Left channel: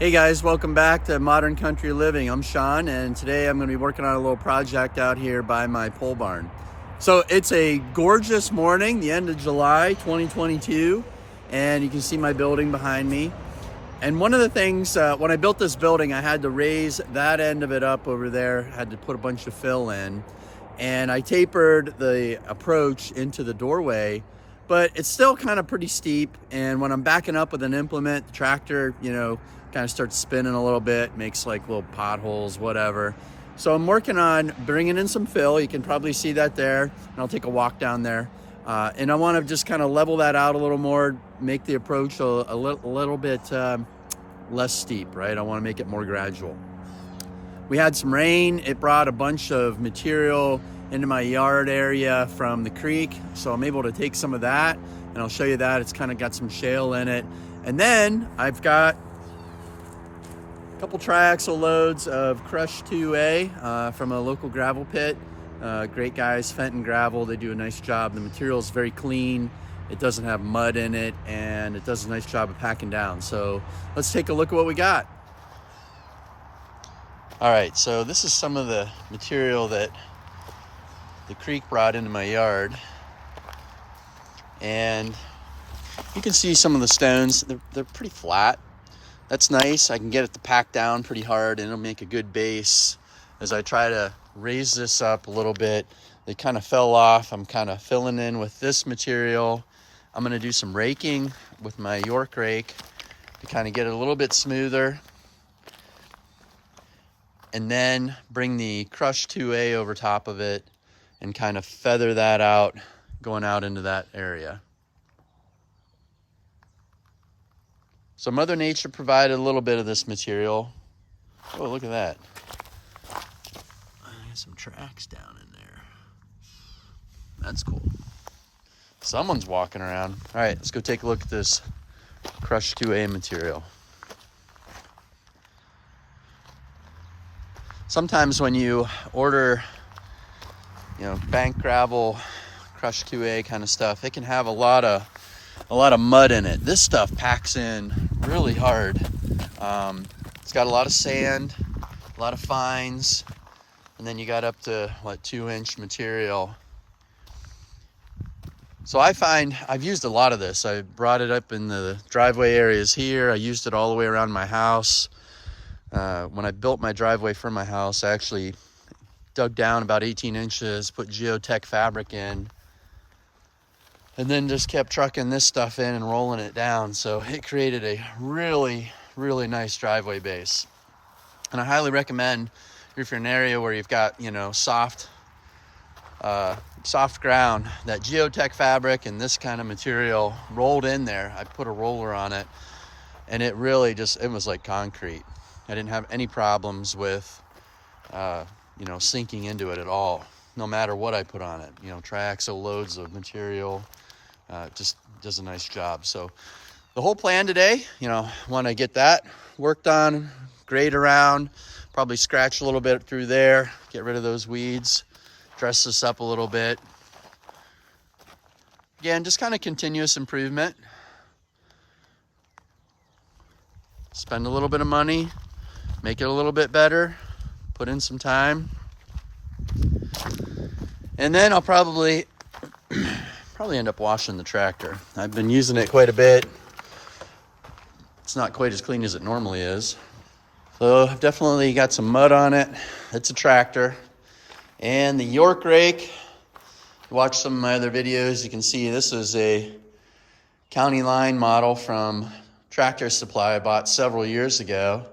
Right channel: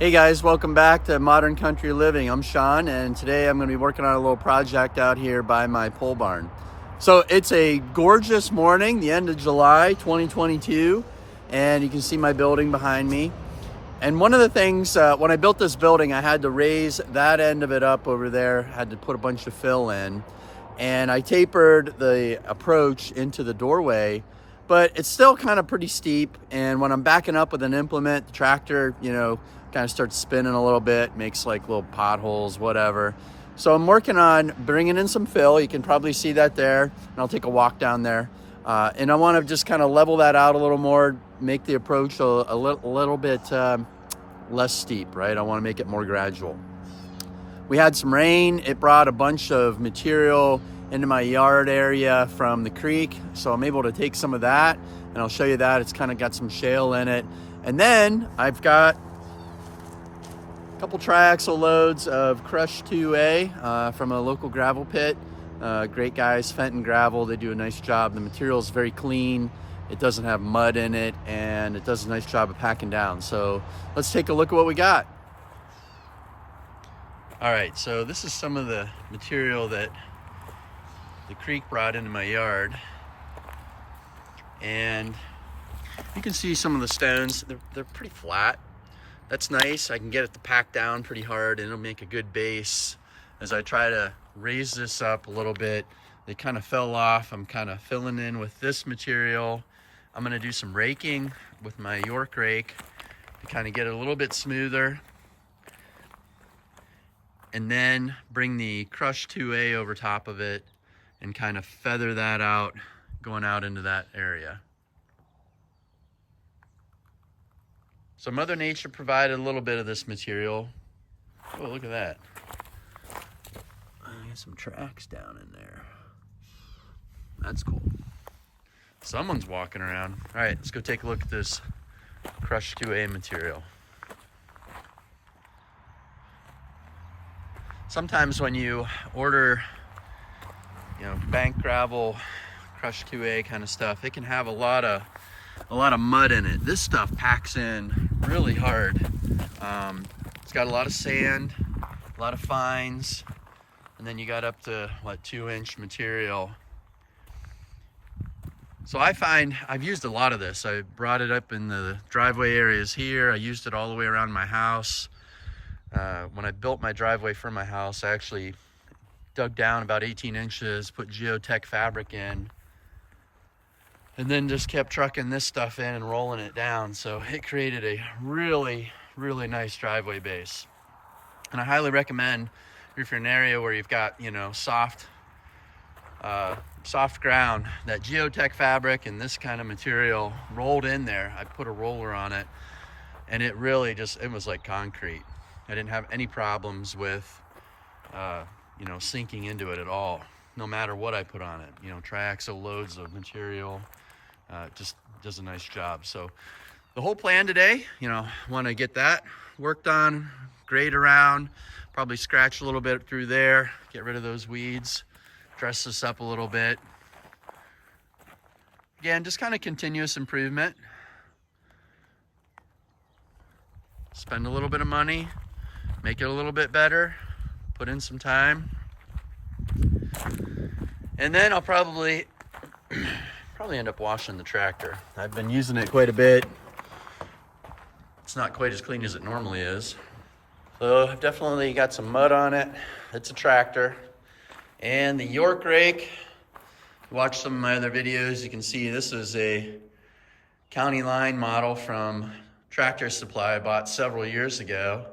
Hey guys, welcome back to Modern Country Living. I'm Sean, and today I'm going to be working on a little project out here by my pole barn. So it's a gorgeous morning, the end of July 2022, and you can see my building behind me. And one of the things, when I built this building, I had to raise that end of it up over there, had to put a bunch of fill in, and I tapered the approach into the doorway, but it's still kind of pretty steep. And when I'm backing up with an implement, the tractor, kind of starts spinning a little bit, makes like little potholes, whatever. So I'm working on bringing in some fill. You can probably see that there, and I'll take a walk down there. And I want to just kind of level that out a little more, make the approach a little bit less steep, right? I want to make it more gradual. We had some rain. It brought a bunch of material into my yard area from the creek. So I'm able to take some of that, and I'll show you that. It's kind of got some shale in it. And then I've got couple triaxle loads of crushed 2A from a local gravel pit. Great guys, Fenton Gravel. They do a nice job. The material is very clean. It doesn't have mud in it, and it does a nice job of packing down. So let's take a look at what we got. All right, so this is some of the material that the creek brought into my yard. And you can see some of the stones. They're pretty flat. That's nice. I can get it to pack down pretty hard, and it'll make a good base. As I try to raise this up a little bit, they kind of fell off. I'm kind of filling in with this material. I'm going to do some raking with my York rake to kind of get it a little bit smoother. And then bring the crushed 2A over top of it and kind of feather that out, going out into that area. So Mother Nature provided a little bit of this material. Oh, look at that. I got some tracks down in there. That's cool. Someone's walking around. All right, let's go take a look at this crushed 2A material. Sometimes when you order, bank gravel, crushed 2A kind of stuff, it can have a lot of mud in it. This stuff packs in really hard. It's got a lot of sand, a lot of fines, and then you got up to 2-inch material. So I find I've used a lot of this. I brought it up in the driveway areas here. I used it all the way around my house. When I built my driveway for my house, I actually dug down about 18 inches, put geotech fabric in, and then just kept trucking this stuff in and rolling it down. So it created a really, really nice driveway base. And I highly recommend, if you're in an area where you've got, soft ground, that geotech fabric and this kind of material rolled in there. I put a roller on it, and it really it was like concrete. I didn't have any problems with, sinking into it at all, no matter what I put on it. Triaxle loads of material. Just does a nice job. So the whole plan today, want to get that worked on, grade around, probably scratch a little bit through there, get rid of those weeds, dress this up a little bit. Again, just kind of continuous improvement. Spend a little bit of money, make it a little bit better, put in some time. And then I'll probably end up washing the tractor. I've been using it quite a bit. It's not quite as clean as it normally is. So I've definitely got some mud on it. It's a tractor. And the York rake, if you watch some of my other videos, you can see this is a county line model from Tractor Supply I bought several years ago.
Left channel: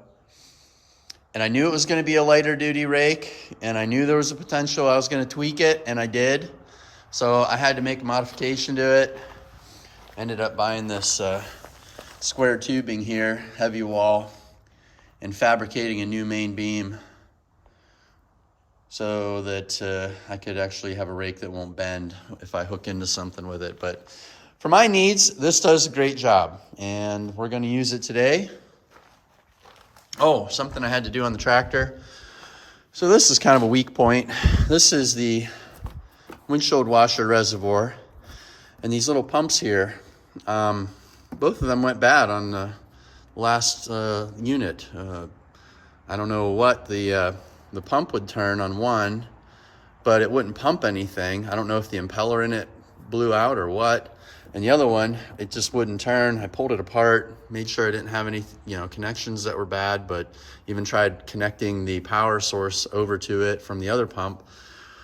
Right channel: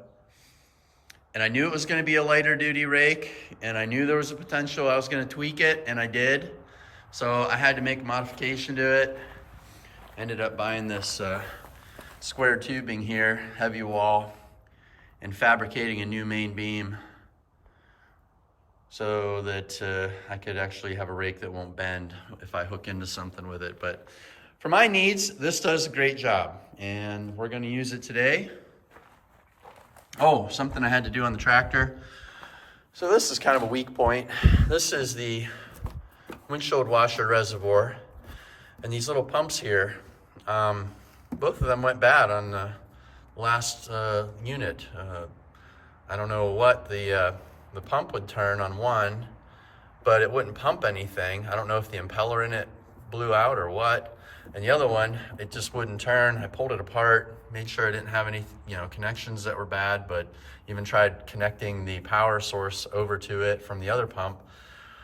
And I knew it was going to be a lighter duty rake, and I knew there was a potential I was going to tweak it, and I did. So I had to make a modification to it. Ended up buying this square tubing here, heavy wall, and fabricating a new main beam so that I could actually have a rake that won't bend if I hook into something with it. But for my needs, this does a great job, and we're going to use it today. Oh, something I had to do on the tractor. So this is kind of a weak point. This is the windshield washer reservoir, and these little pumps here, both of them went bad on the last unit. I don't know what the pump would turn on one, but it wouldn't pump anything. I don't know if the impeller in it blew out or what. And the other one, it just wouldn't turn. I pulled it apart, made sure I didn't have any, connections that were bad, but even tried connecting the power source over to it from the other pump.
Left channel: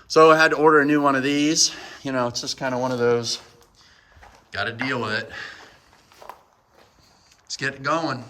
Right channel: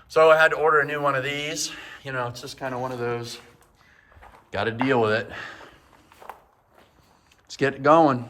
So I had to order a new one of these. It's just kind of one of those, got to deal with it. Let's get it going.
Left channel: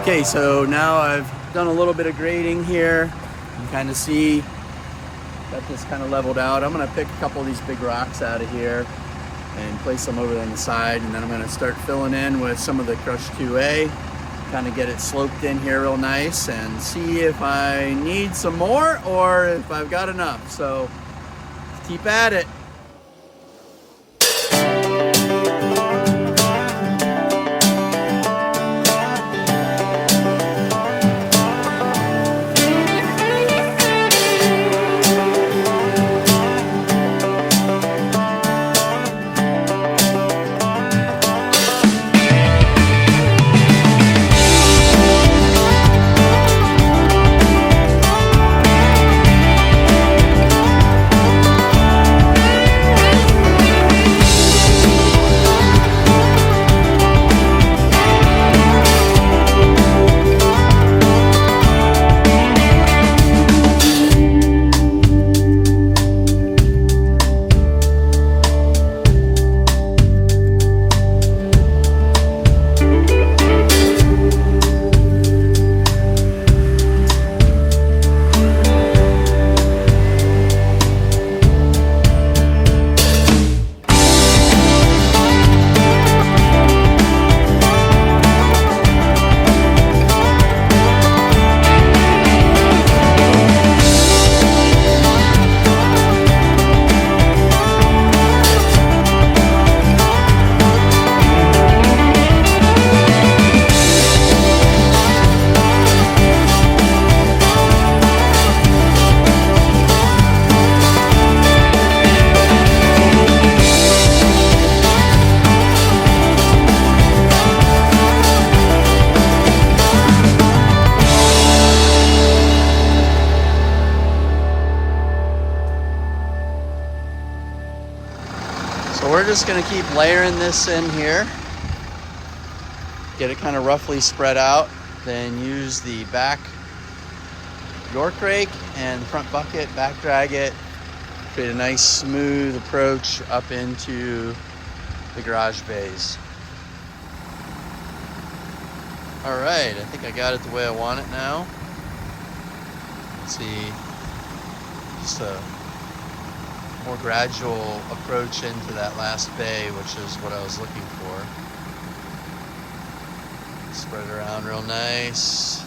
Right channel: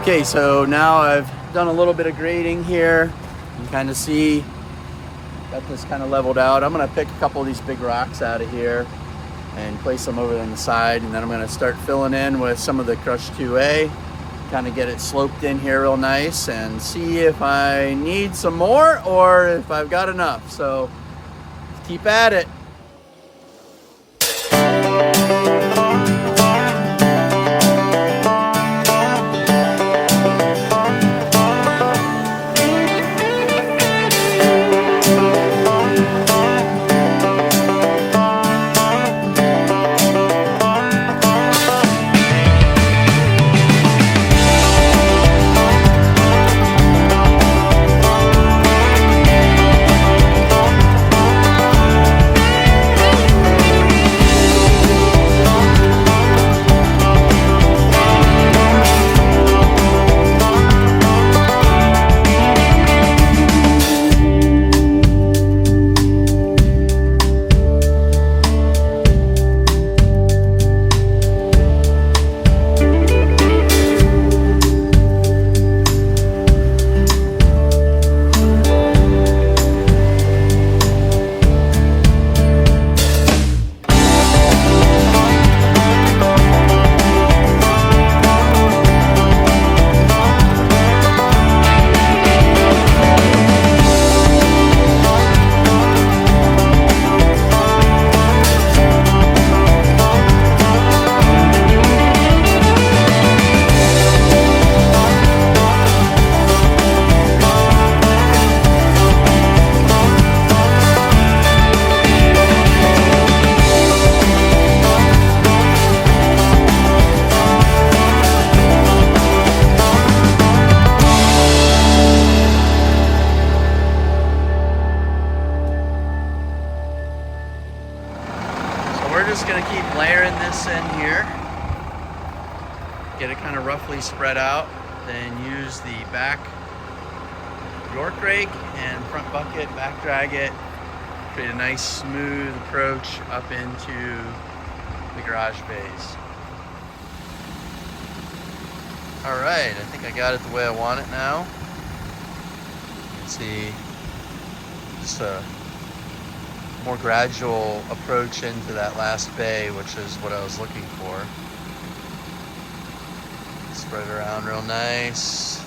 Okay, so now I've done a little bit of grading here. You can kind of see, got this kind of leveled out. I'm gonna pick a couple of these big rocks out of here and place them over on the side, and then I'm gonna start filling in with some of the crushed 2A, kind of get it sloped in here real nice and see if I need some more or if I've got enough. So keep at it. We're just gonna keep layering this in here. Get it kind of roughly spread out. Then use the back York rake and front bucket, back drag it. Create a nice smooth approach up into the garage bays. All right, I think I got it the way I want it now. Let's see, just a more gradual approach into that last bay, which is what I was looking for. Spread it around real nice.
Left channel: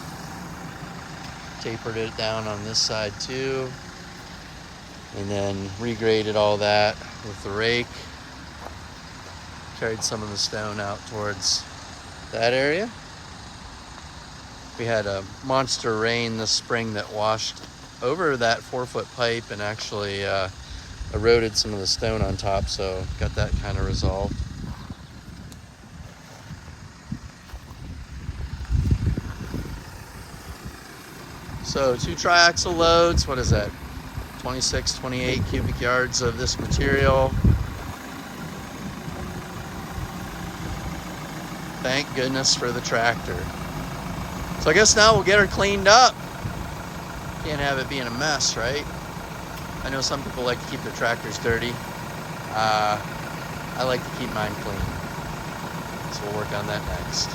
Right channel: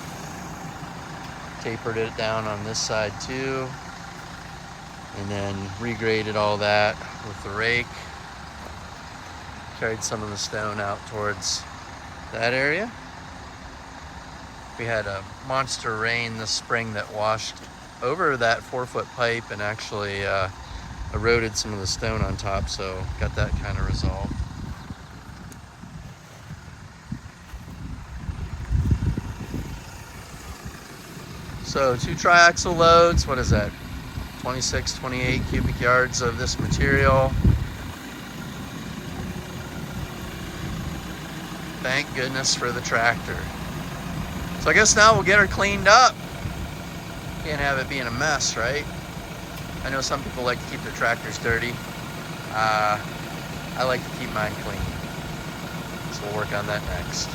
Tapered it down on this side too. And then regraded all that with the rake. Carried some of the stone out towards that area. We had a monster rain this spring that washed over that 4-foot pipe and actually eroded some of the stone on top, so got that kind of resolved. So 2 triaxle loads, what is that? 26, 28 cubic yards of this material. Thank goodness for the tractor. So I guess now we'll get her cleaned up. Can't have it being a mess, right? I know some people like to keep their tractors dirty. I like to keep mine clean. So we'll work on that next.